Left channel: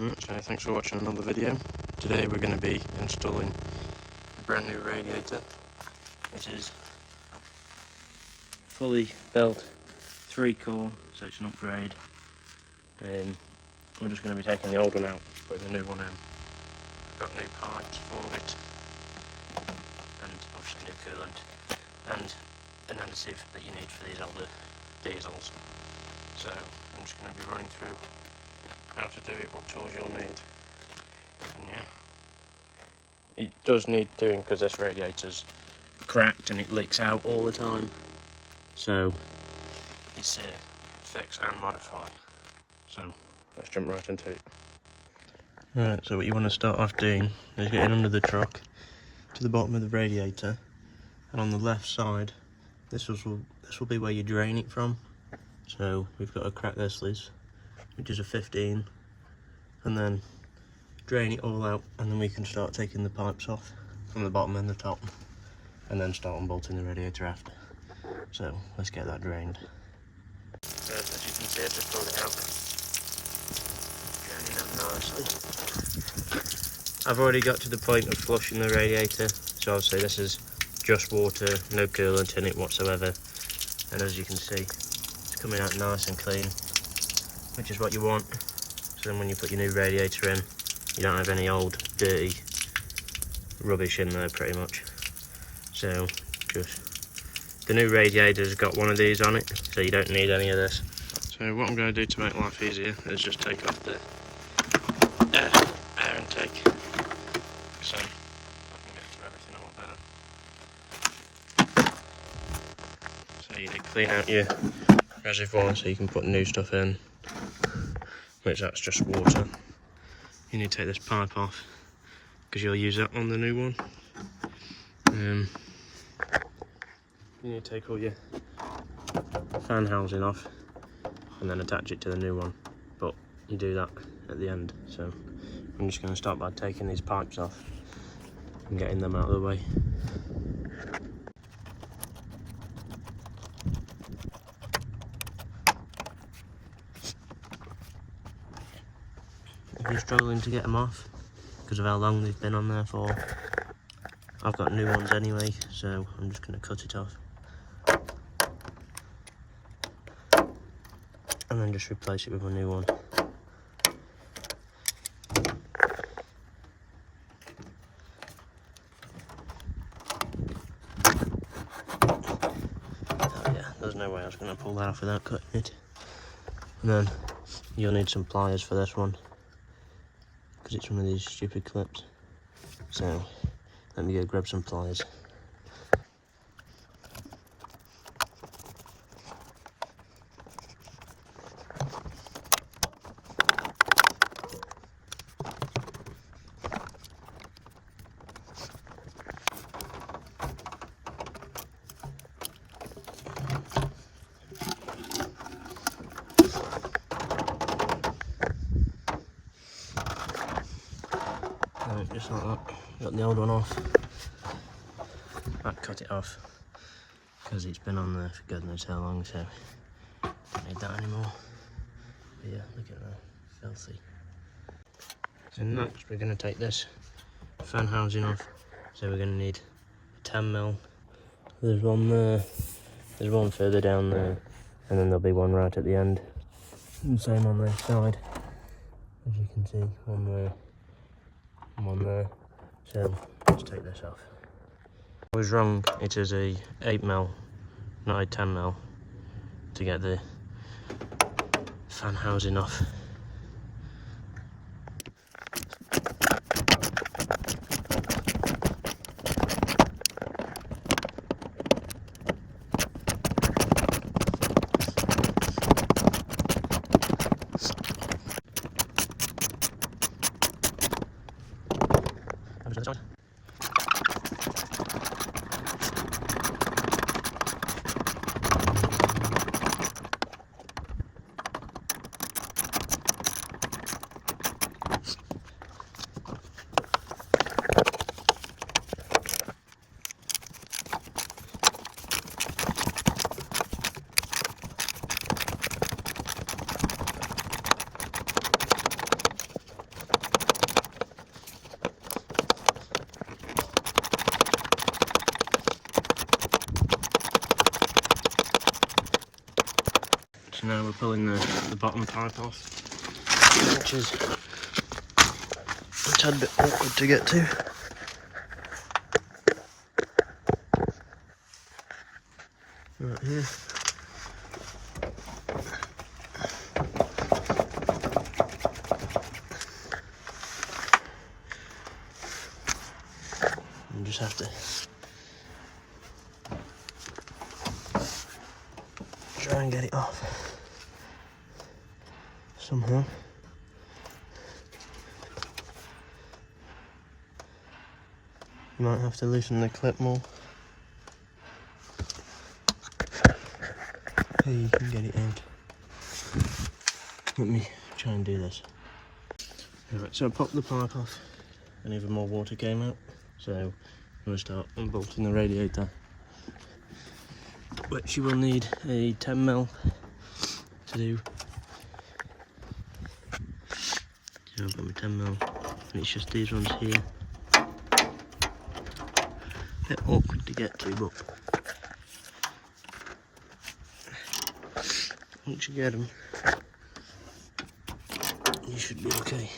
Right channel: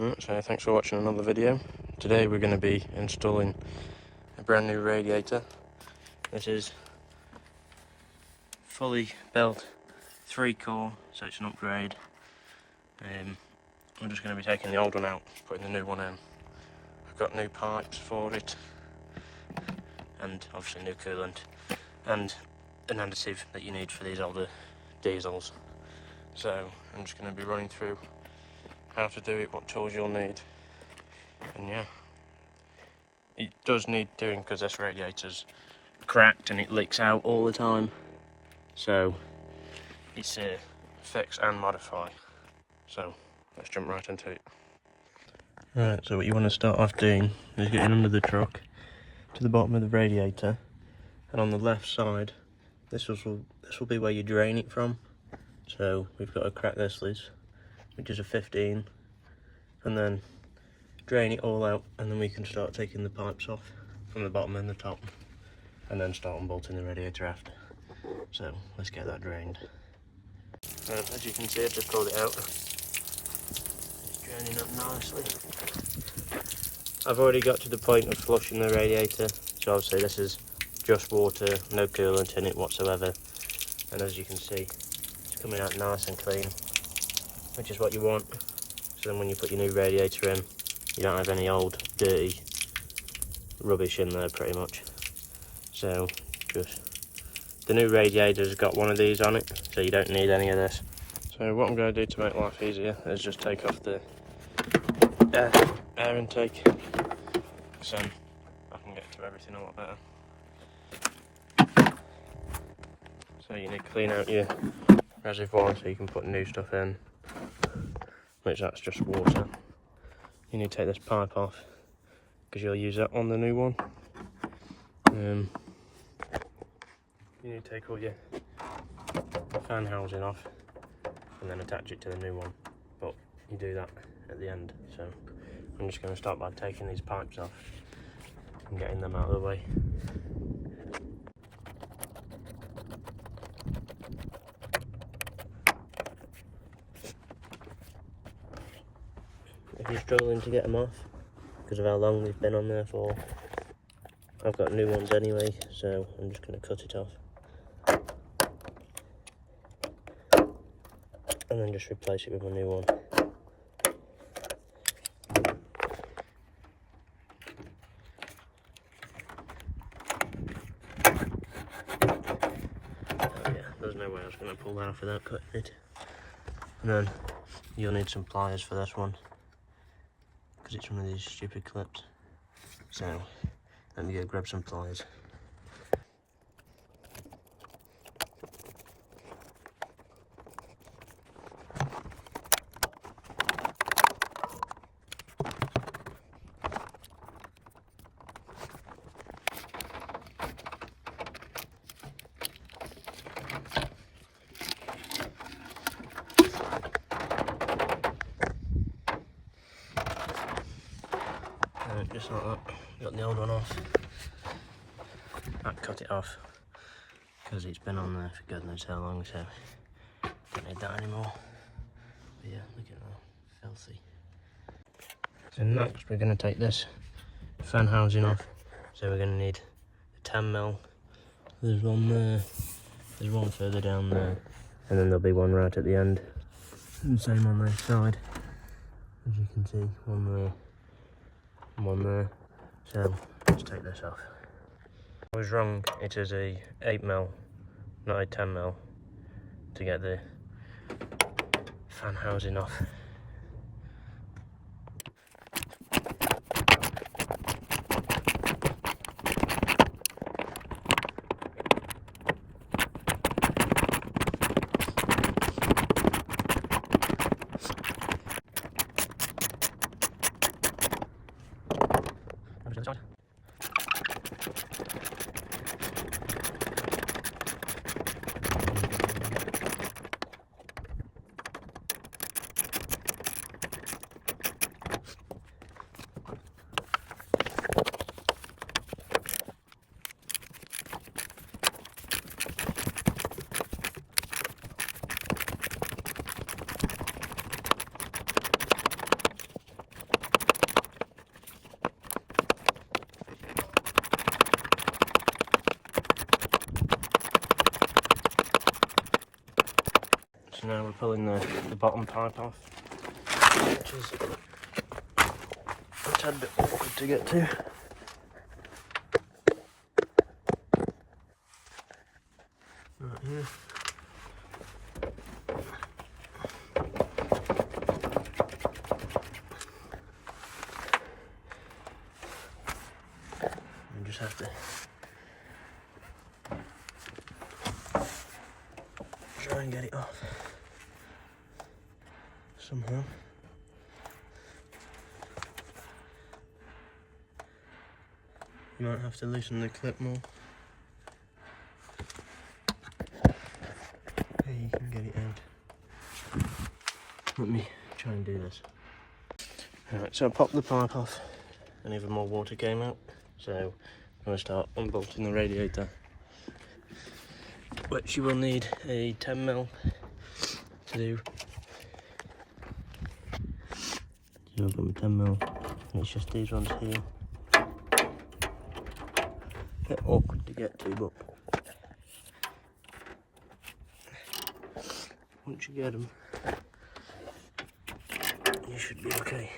So thanks for watching another video. Today we're going to be installing a brand new radiator. It is fully built 3-core, so it's an upgrade. We're just going to be taking the old one out, putting the new one in. I've got new pipes for it, and obviously new coolant, and an additive that you need for these older diesels. So I'm just going to be running through how to do it, what tools you'll need, and yeah, it does need doing because this radiator's cracked and it leaks out all the time, so it's a fix and modify. So let's jump right into it. Right, so what you want to start off doing is getting under the truck to the bottom of the radiator, and on the left side this will be where you drain it from. So we've got to crack this loose, which is a 15, and then drain it all out, and then we can start taking the pipes off from the bottom and the top, and then start unbolting the radiator after. So let's get that drained. So as you can see, I've just pulled it out. It's draining up nicely. I've already got to the point of flushing the radiator, so obviously this is just water, no coolant in it whatsoever, and as you can see, coming out nice and clean, which is what you want. So then when you put your new radiator in, you don't have any old dirty rubbish in there pretty much. So just the new radiator's got one of these on it, so you don't need any of this. So what I'm going to do to make life easier is just take off the air intake, so I can get to everything a lot better. So you need to clean out your reservoir so you can put new stuff in, which that's just water. You need to take this pipe off because you'll use that on the new one. You need to take all your fan housing off and then attach it to the new one, but you do that at the end. So I'm just going to start by taking these pipes off and getting them out of the way. If you're struggling to get them off because of how long they've been on there for, I've got new ones anyway, so I'm just going to cut it off and then just replace it with a new one. Oh yeah, there's no way I was going to pull that off without cutting it. And then you'll need some pliers for this one, because it's one of these stupid clips. So let me go grab some pliers. Right, just like that. Got the old one off. I'd cut it off because it's been on there for God knows how long, so don't need that anymore. But yeah, look at that, filthy. So next we're going to take this fan housing off. So we're going to need a 10mm. There's one there, there's one further down there, and then there'll be one right at the end. And same on this side. As you can see, one there, one there. So let's take this off. I was wrong, it is a 8mm, not a 10mm, to get the fan housing off. we're pulling the bottom pipe off, which is a tad bit awkward to get to. Right here. You just have to try and get it off somehow. You might have to loosen the clip more. Hey, you can get it out. Let me try and do this. Alright, so I popped the pipe off and even more water came out. So I'm going to start unbolting the radiator, which you will need a 10mm to do. So I've got my 10mm, and it's just these ones here. A bit awkward to get to, but once you get them, you should be okay.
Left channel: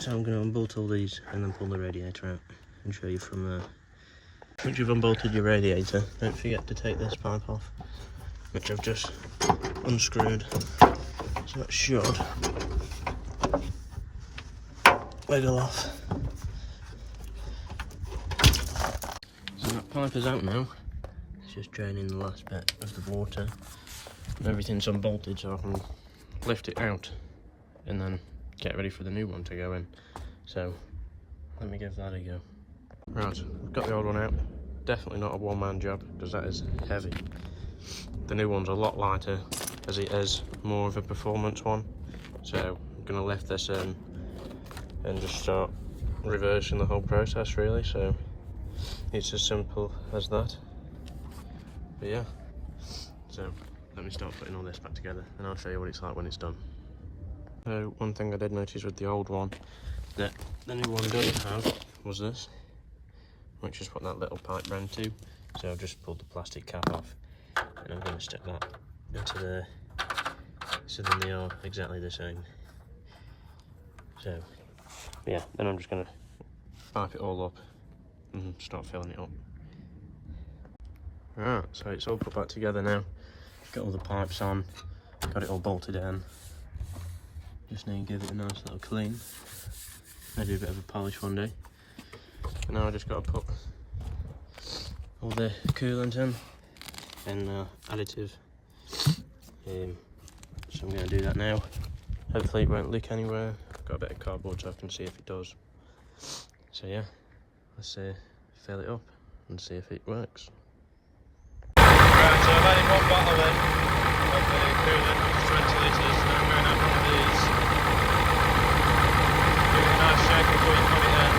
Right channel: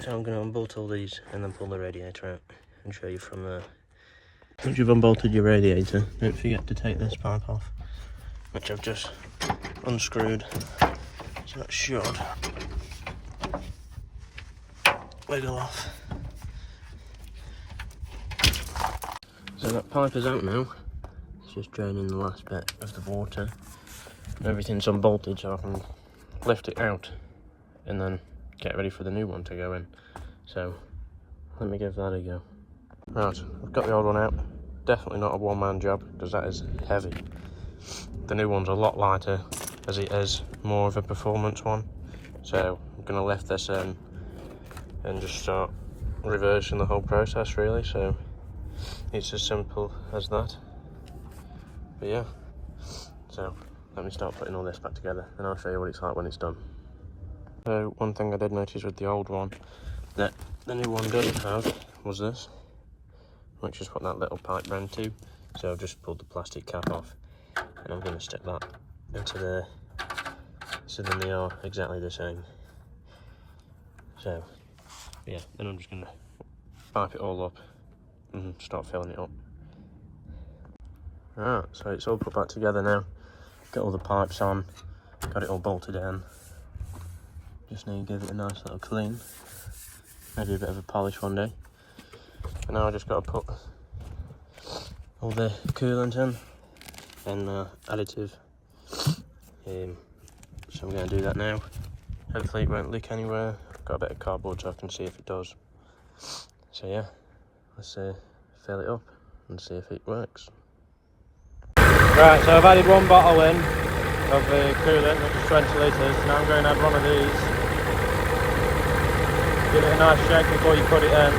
So I'm going to unbolt all these and then pull the radiator out and show you from there. Once you've unbolted your radiator, don't forget to take this pipe off, which I've just unscrewed. So that should wiggle off. So that pipe is out now. It's just draining the last bit of the water. Everything's unbolted, so I can lift it out and then get ready for the new one to go in. So let me give that a go. Right, I've got the old one out. Definitely not a one-man job because that is heavy. The new one's a lot lighter as it is more of a performance one. So I'm going to lift this in and just start reversing the whole process really. So it's as simple as that. But yeah, so let me start putting all this back together and I'll show you what it's like when it's done. So one thing I did notice with the old one that the new one doesn't have was this, which is what that little pipe ran to. So I've just pulled the plastic cap off and I'm going to stick that into there, so then they are exactly the same. So yeah, then I'm just going to pipe it all up and start filling it up. Right, so it's all put back together now. Got all the pipes on, got it all bolted in. Just need to give it a nice little clean, maybe a bit of a polish one day. And now I just got to put all the coolant in and additive. So I'm going to do that now. Hopefully it won't leak anywhere. I've got a bit of cardboard so I can see if it does. So yeah, let's fill it up and see if it works. Right, so I've added one bottle in of the coolant, which is 20 litres. Now I'm going to add one of these. Give it a nice shake before you put it in.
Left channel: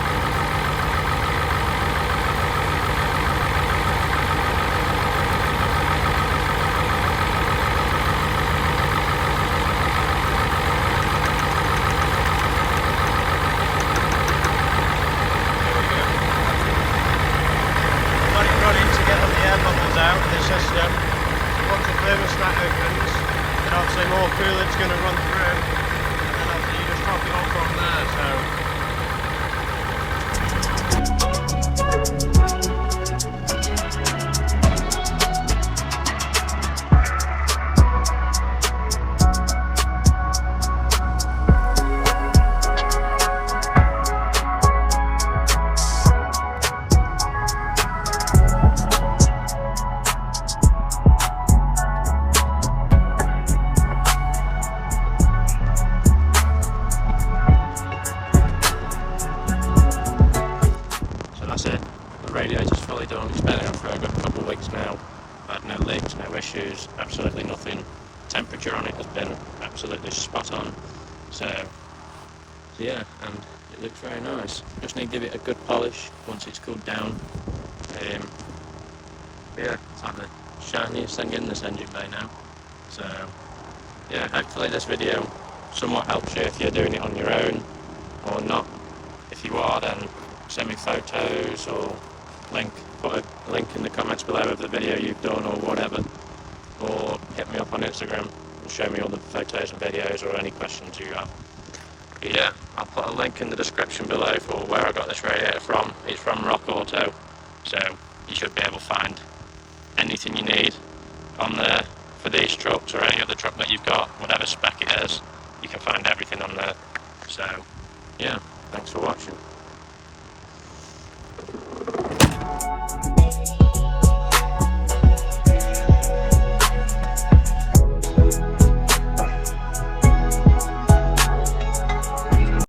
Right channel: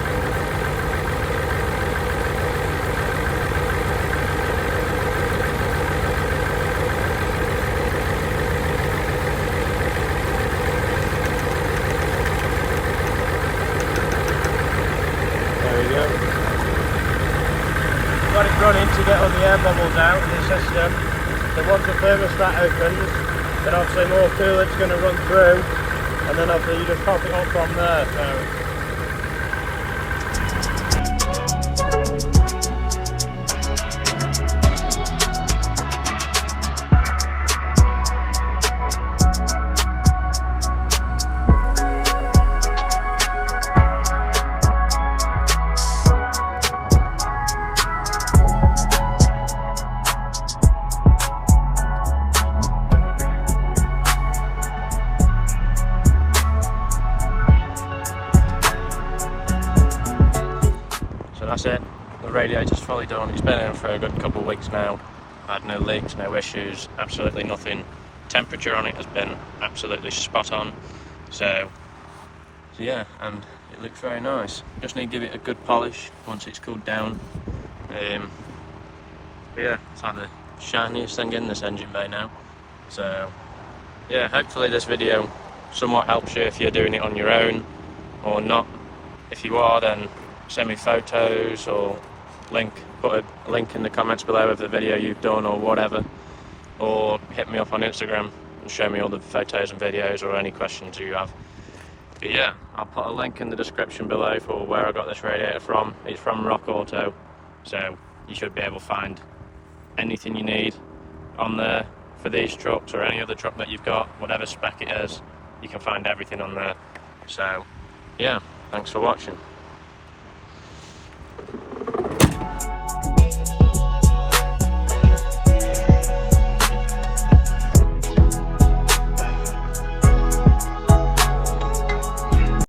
Got it running to get all the air bubbles out of the system. So once the thermostat opens, then obviously more coolant's going to run through, and then obviously you just top it up from there. So that's it. The radiator's fully done. It's been in for a good couple of weeks now. I had no leaks, no issues, absolutely nothing. Temperature on it has been absolutely spot on. So yeah, and it looks very nice. Just need to give it a good polish once it's cooled down. But yeah, it's like the shiniest thing in this engine bay now. So yeah, hopefully this video somewhat helps you if you're doing it on your own or not. If you are, then send me photos or put a link in the comments below of the video you've done or whatever. or hit me up on Instagram and show me all the photos and videos or any questions you have. But yeah, I'll put a link in the description below for where I got this radiator from. It's from Rock Auto, so you should be able to find anything you need on there for these trucks or any other truck that you've got, whatever spec it is, you can find everything on there. So yeah, thanks for watching.